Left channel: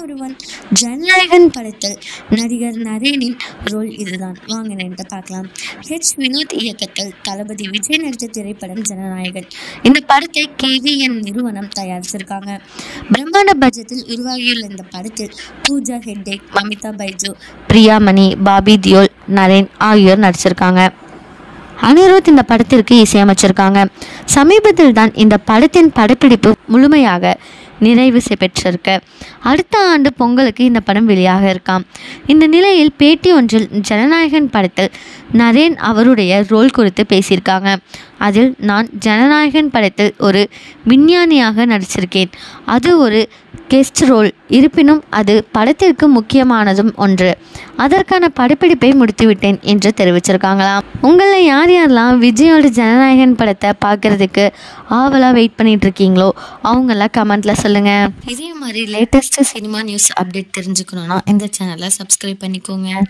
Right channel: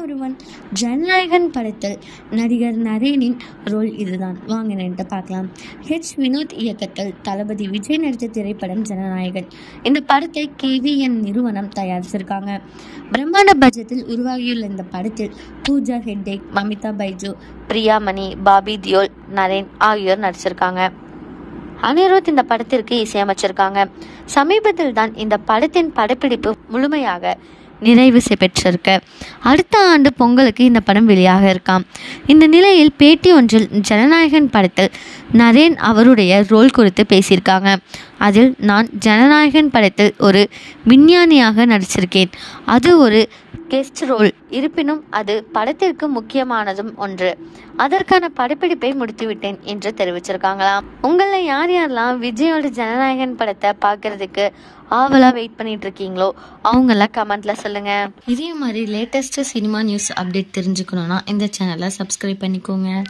ஒருவன் ஜனநாயகன் படத்தில் நடிகர் நரேனின் ரோல் இதுதான். வாங்க நின்று பார்க்கலாம். வினோத் இயக்கத்தில் தளபதி விஜய் நடித்த திரைப்படம் ஜனநாயகன். இந்த படத்தை KVN நிறுவனம் தயாரிச்சிருக்காங்க. பிரம்மாண்ட பட்ஜெட்டில் உருவாகியுள்ள இந்த படத்தில் பூஜா ஹெக்டே, மமிதா பைஜு, பிரியாமணி, பாபி தியோல், நரேன் ஆகியோர் நடிச்சிருக்காங்க. அனிருத் இந்த படத்திற்கு இசையமைச்சிருக்காங்க. சமீபத்தில் தான் இந்த படத்தின் படப்பிடிப்பு முழுமையாக நிறைவு பெற்றிருக்கு. அடுத்த ஆண்டு பொங்கலுக்கு இந்த படம் வெளியாக இருக்காம். இந்த நிலையில் பேட்டி ஒன்றில் ஜனநாயகன் படத்தில் நரேன் அவருடைய ரோல் குறித்து பேசியிருக்காங்க. அதில், நான் ஜனநாயகன் படத்தில் ஒரு விஞ்ஞானியாக நடிச்சிருக்கேன். அது ஒரு கெஸ்ட் ரோல். இருப்பினும் அது படத்திற்கு முக்கியமானதும் ஒன்று. அதற்கான படப்பிடிப்பை முடித்துவிட்டேன் என்று தெரிவிச்சிருக்காங்களாம். உங்களில் யார் யாரெல்லாம் விஜயோட ஜனநாயகன் படத்தை பார்க்கறதுக்கு ஆவலாக வெயிட் பண்ணிட்டு இருக்கீங்களோ அவங்களாம் கமெண்ட்டில் சொல்லுங்கள். இதே மாதிரி லேட்டஸ்ட்டு சினிமா நியூஸ் அப்டேட் தெரிஞ்சுக்கணுன்னா இந்த சேனலை சப்ஸ்கிரைப் பண்ணிக்கோங்க.